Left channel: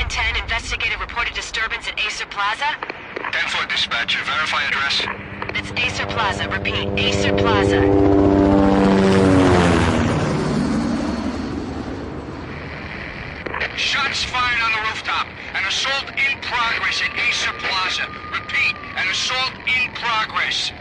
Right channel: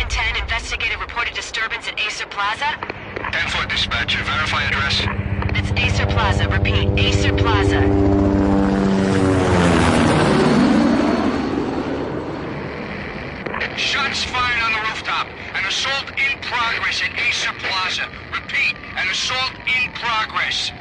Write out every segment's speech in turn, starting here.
1010, investigator reported disturbance at Acer Plaza. 10-4 dispatcher, verify address. That's Acer Plaza, repeat, Acer Plaza. Shots fired on the rooftop. An assault in progress at Acer Plaza. Repeat, an assault in progress.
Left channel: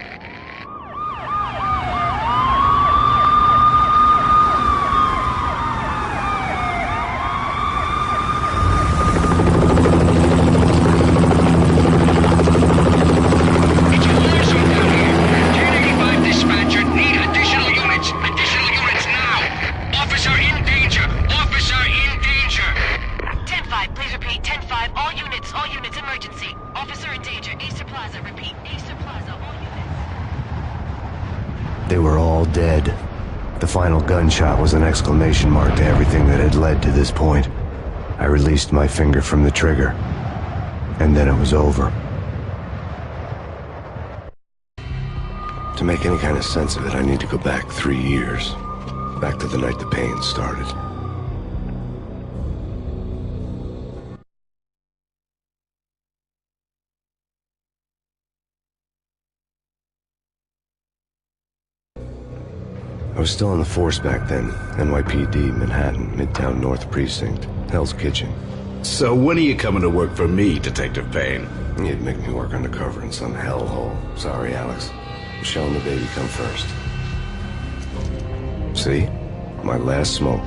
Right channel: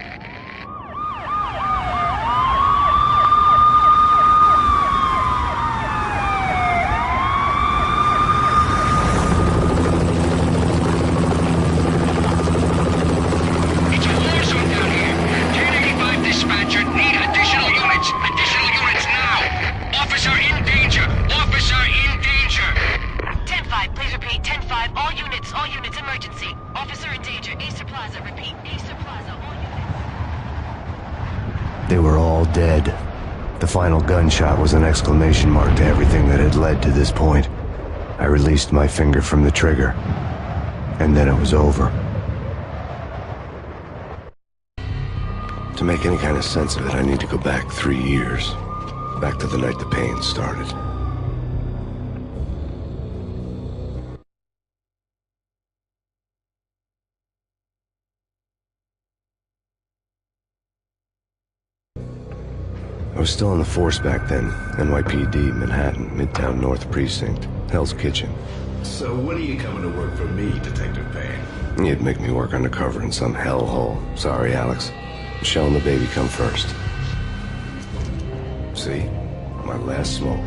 It's a war zone down here. 1085 dispatcher, need additional units. Additional units now. Officer in danger. Officer in danger. 10-5, please repeat, 10-5, all units, emergency. Officer in danger, Acer Plaza, repeat, Acer Plaza, all units. They were all dead. The final gunshot was an exclamation mark to everything that had led to this point. I released my finger from the trigger, and then it was over. To make any kind of sense of it, I need to go back 3 years. Back to the night the Payne started. I was still on the force back then. NYPD, Manhattan, Midtown North Precinct, Hell's Kitchen. So when are you coming to work for me, Detective Payne? You'd make me work undercover in some hellhole. Sorry, Alex. Michelle and the baby come first. See? My last smoke.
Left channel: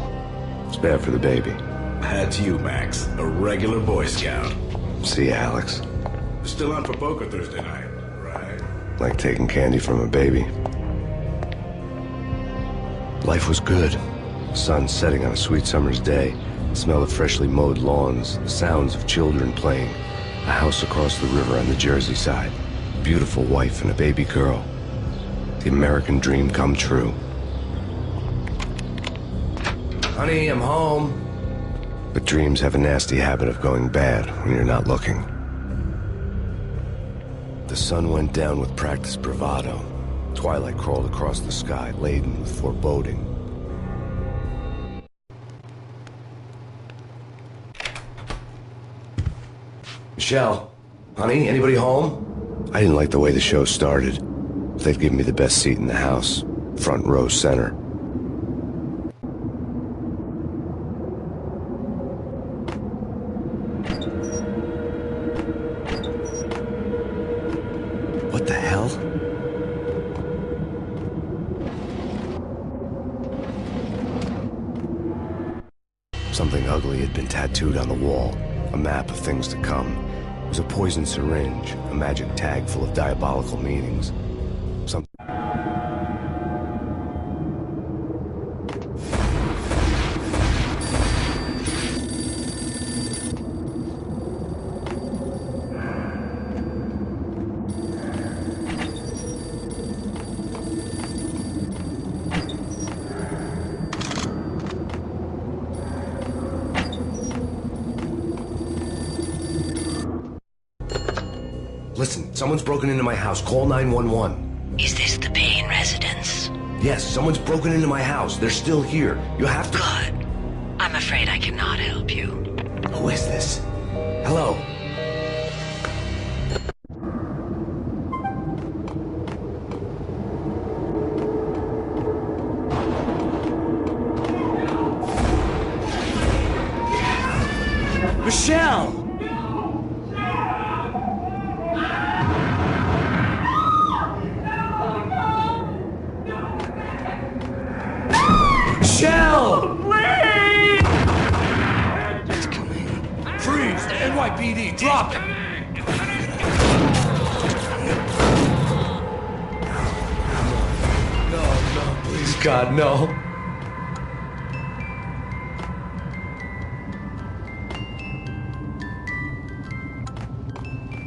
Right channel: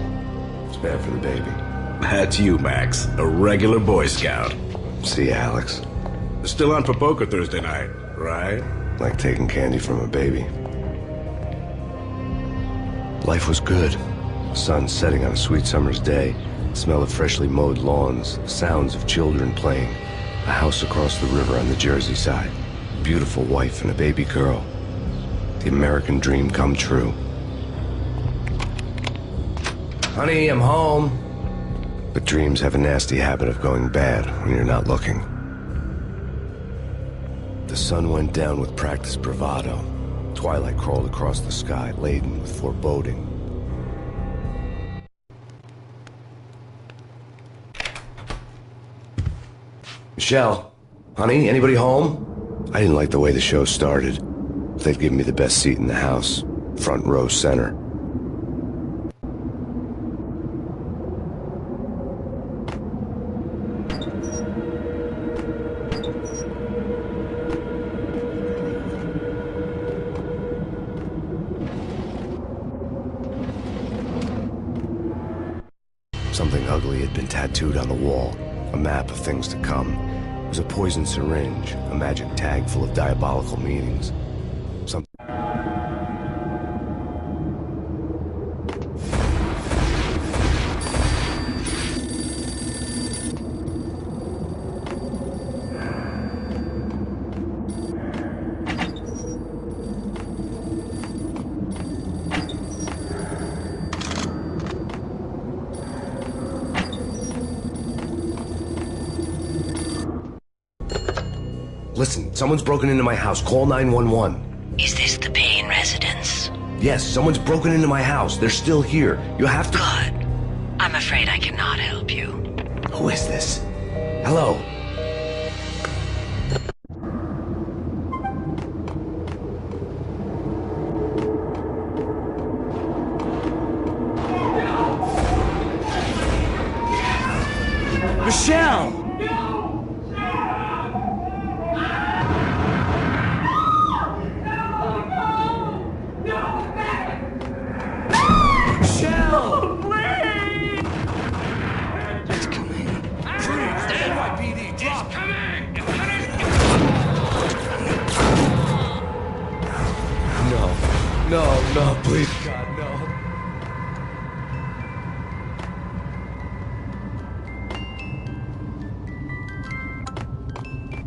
It's bad for the baby. That's you, Max. A regular Boy Scout. See, Alex. Still on for poker Thursday night, right? Like taking candy from a baby. Life was good. Sun setting on a sweet summer's day. Smell of freshly mowed lawns. Sounds of children playing. A house across the river on the Jersey side. Beautiful wife and a baby girl. The American dream come true. Honey, I'm home. But dreams have a nasty habit of going bad when you're not looking. The sun went down with practiced bravado. Twilight crawled across the sky, laden with foreboding. Michelle, honey, anybody home? I didn't like the way the show started. They'd given me the best seat in the house, front row center. What the hell? Something ugly had been tattooed on the wall, a map of things to come. It was a poison syringe, a magic tag full of diabolical meanings. Listen, someone's broken into my house. Call 911. Is this the Payne residence? Yes, someone's broken into my house. They're still here. You have to... Good. I'm afraid I cannot help you. Who is this? Hello? Michelle! Michelle! Please! It's coming. Freeze! The NYPD! Drop it! No, please, God, no.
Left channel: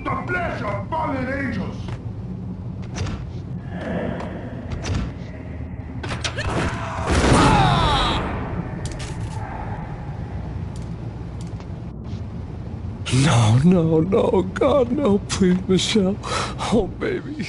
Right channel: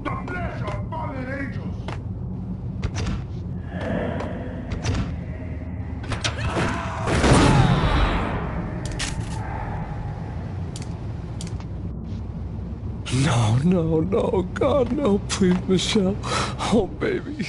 The flesh of fallen angels! No, God, no, please, Michelle. Oh, baby.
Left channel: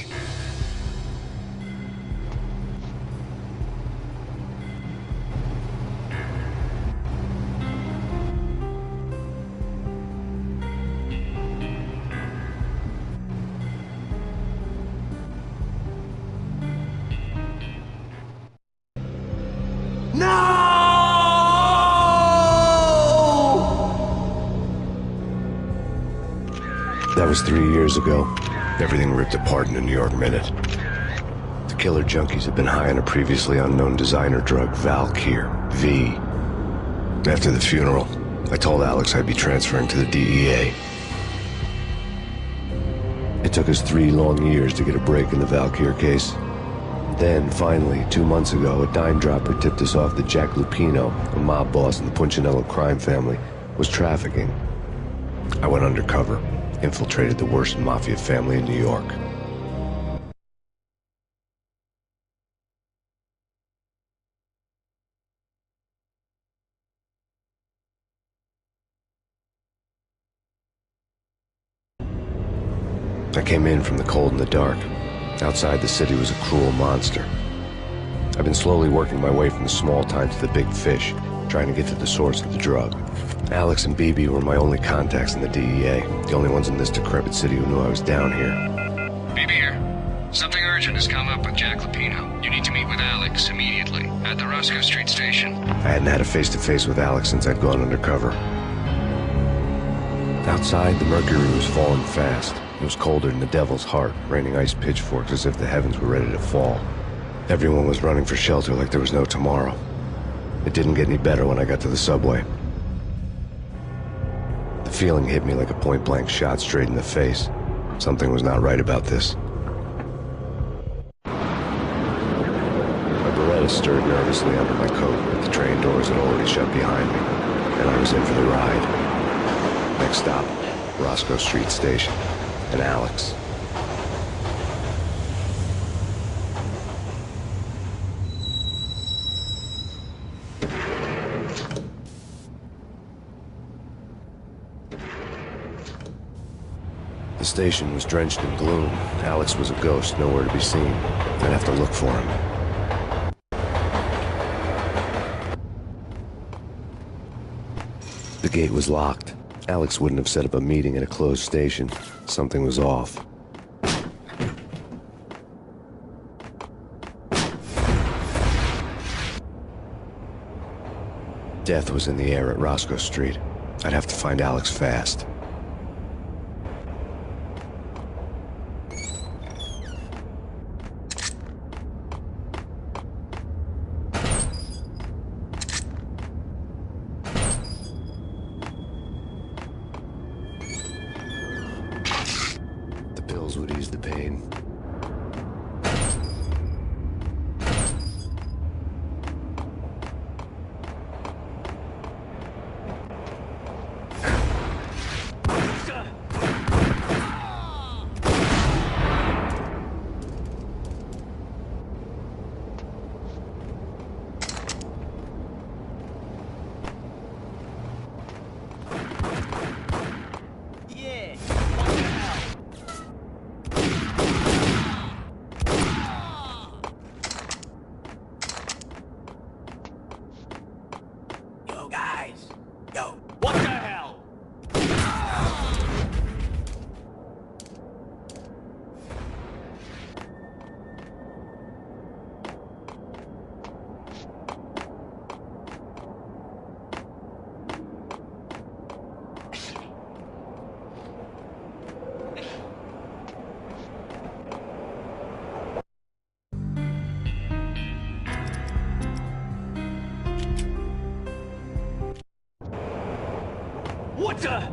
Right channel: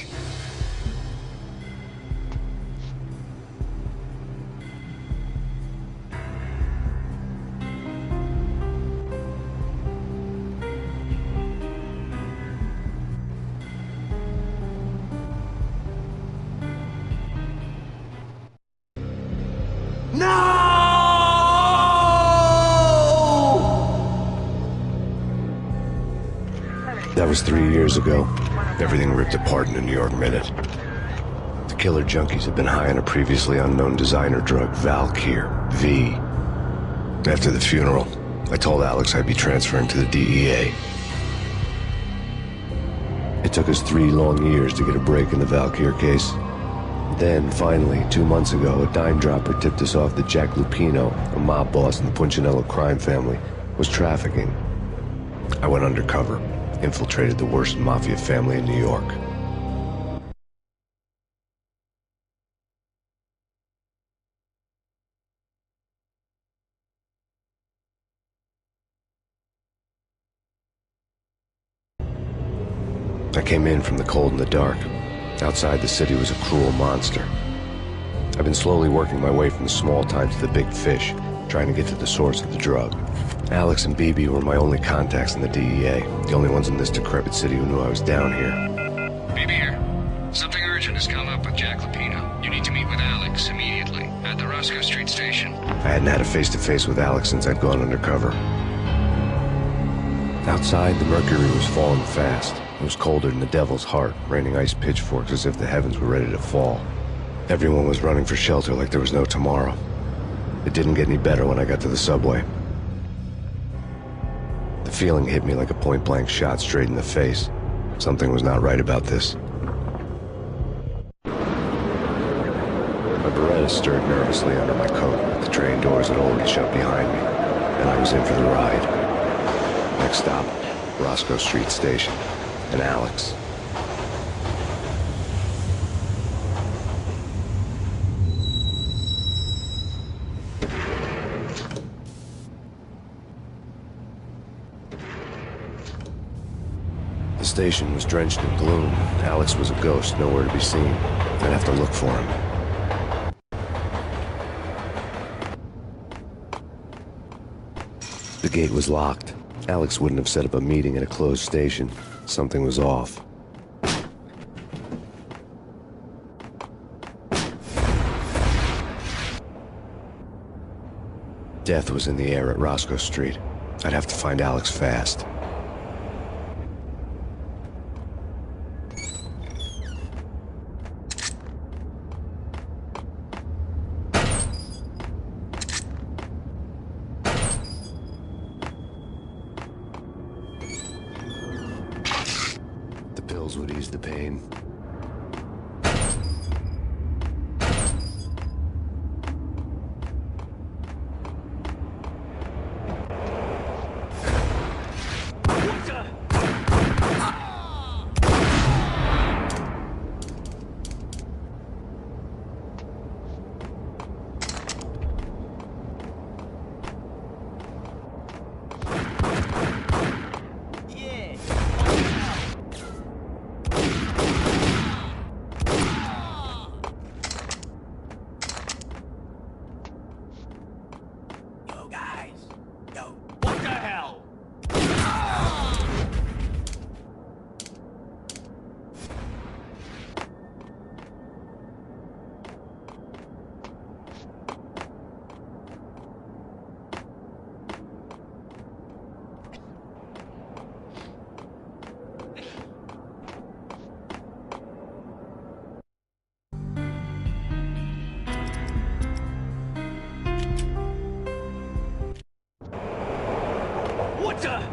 That was 3 years ago. Everything ripped apart in a New York minute. The killer junkies had been high on a previously unknown designer drug, Valkyr, V. After the funeral, I told Alex I'd be transferring to the DEA. It took us 3 long years to get a break in the Valkyr case. Then, finally, 2 months ago, a dime dropper tipped us off that Jack Lupino, a mob boss in the Punchinello crime family, was trafficking. I went undercover, infiltrated the worst mafia family in New York. I came in from the cold and the dark. Outside the city was a cruel monster. I've been slowly working my way from the small time to the big fish, trying to get to the source of the drug. Alex and BB were my only contacts in the DEA, the only ones in this decrepit city who knew I was down here. BB here. Something urgent has come up with Jack Lupino. You need to meet with Alex immediately at the Roscoe Street station. I hadn't had a face-to-face with Alex since I'd gone undercover. Outside, the mercury was falling fast. It was colder than the devil's heart, raining ice pitchforks as if the heavens were ready to fall. Everyone was running for shelter like there was no tomorrow. It didn't get any better when I got to the subway. The feeling hit me like a point-blank shot straight in the face. Something was not right about this. My Beretta stirred nervously under my coat, but the train doors had already shut behind me, and I was in for the ride. Next stop, Roscoe Street Station, and Alex. The station was drenched in gloom. Alex was a ghost, nowhere to be seen. I'd have to look for him. The gate was locked. Alex wouldn't have set up a meeting at a closed station. Something was off. Death was in the air at Roscoe Street. I'd have to find Alex fast. The pills would ease the pain. What the?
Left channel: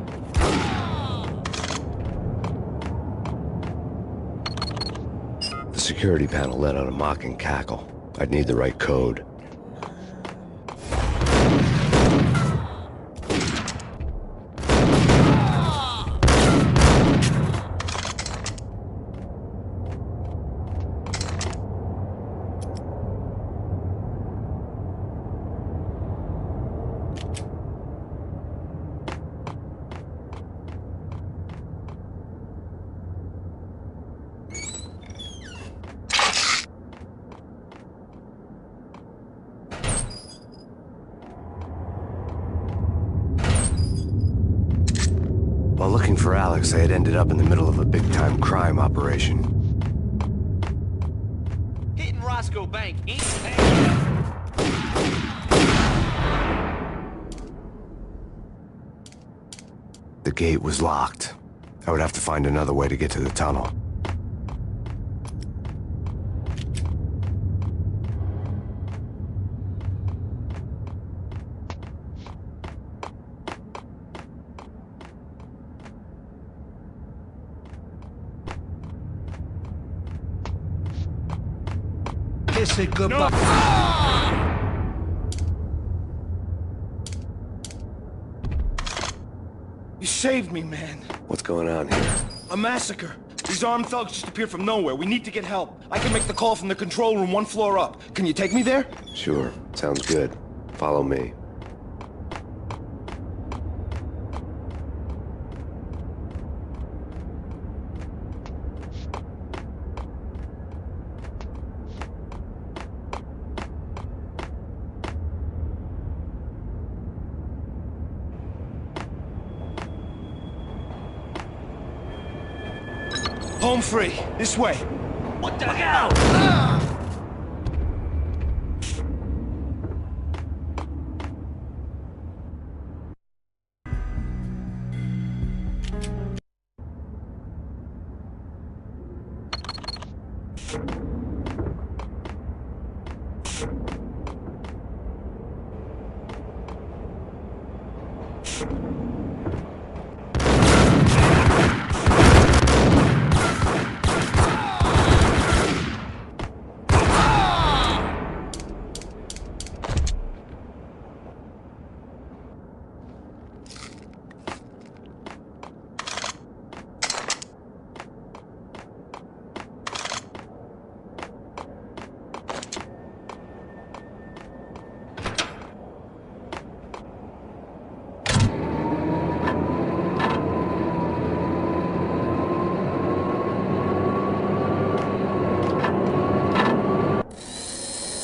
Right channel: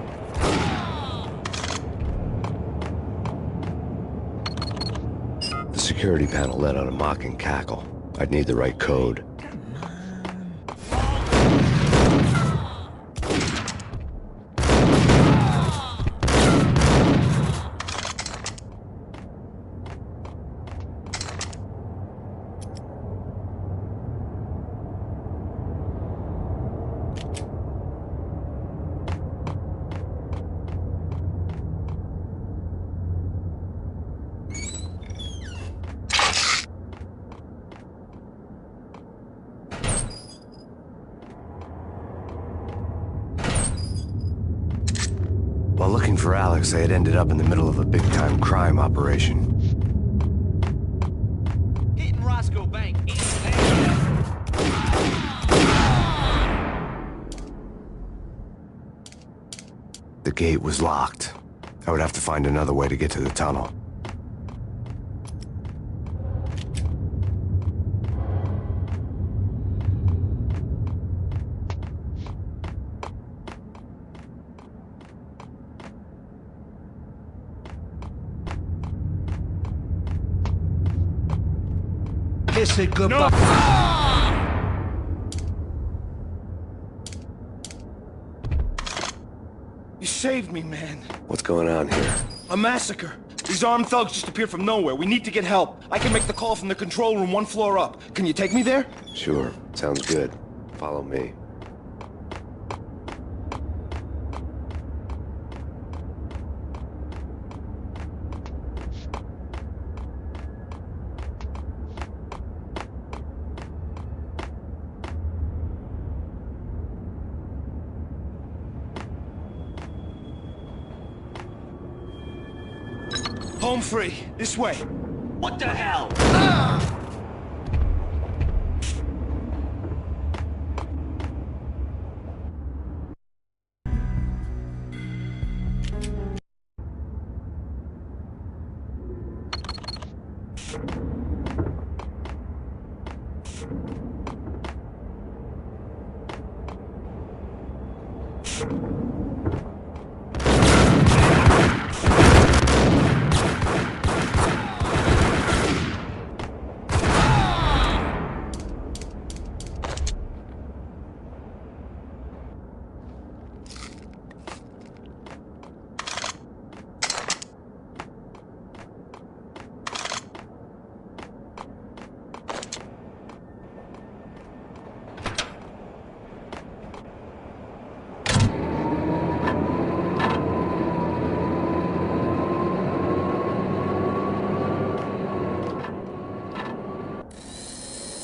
The security panel let out a mocking cackle. I'd need the right code. While looking for Alex, I had ended up in the middle of a big-time crime operation. Hitting Roscoe Bank ain't The gate was locked. I would have to find another way to get to the tunnel. Kiss it goodbye. You saved me, man. What's going on here? A massacre. These armed thugs just appeared from nowhere. We need to get help. I can make the call from the control room 1 floor up. Can you take me there? Sure, sounds good. Follow me. Home free. This way. What the hell?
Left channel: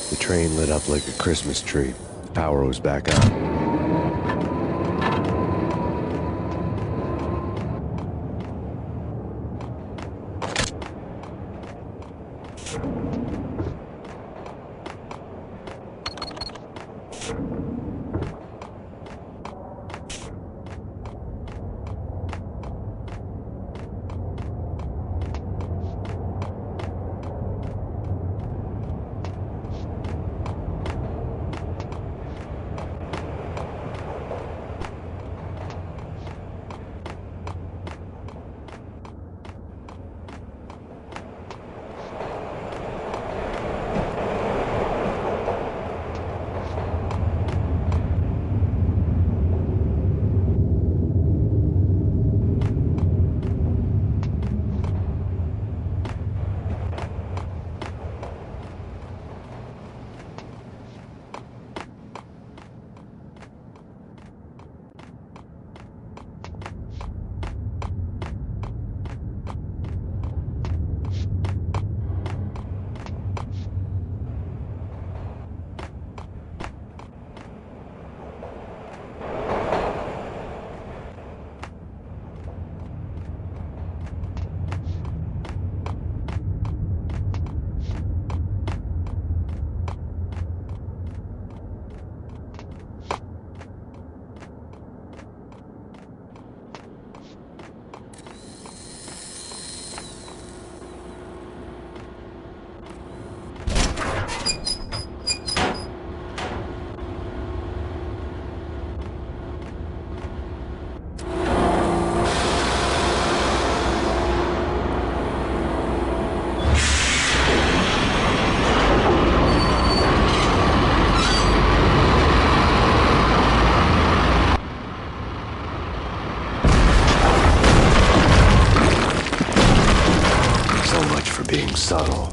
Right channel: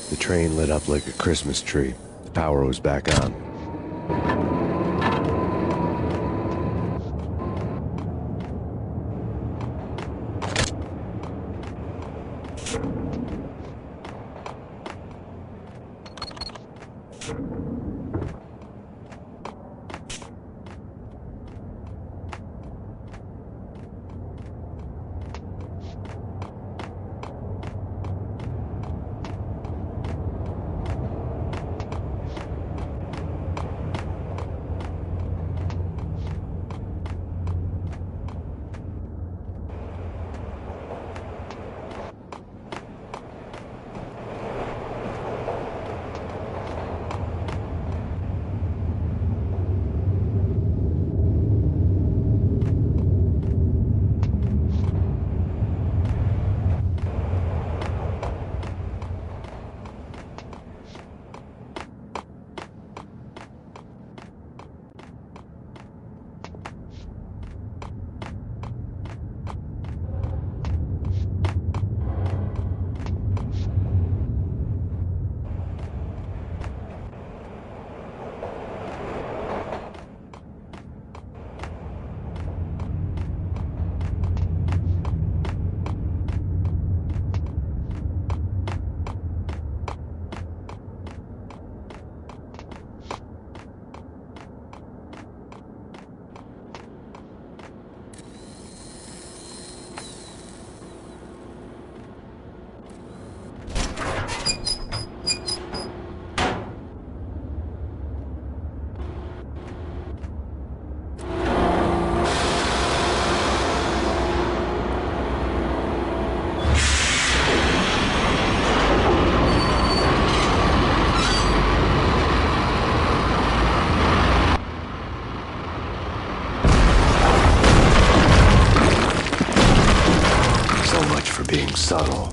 The train lit up like a Christmas tree. The power was back on. Being subtle.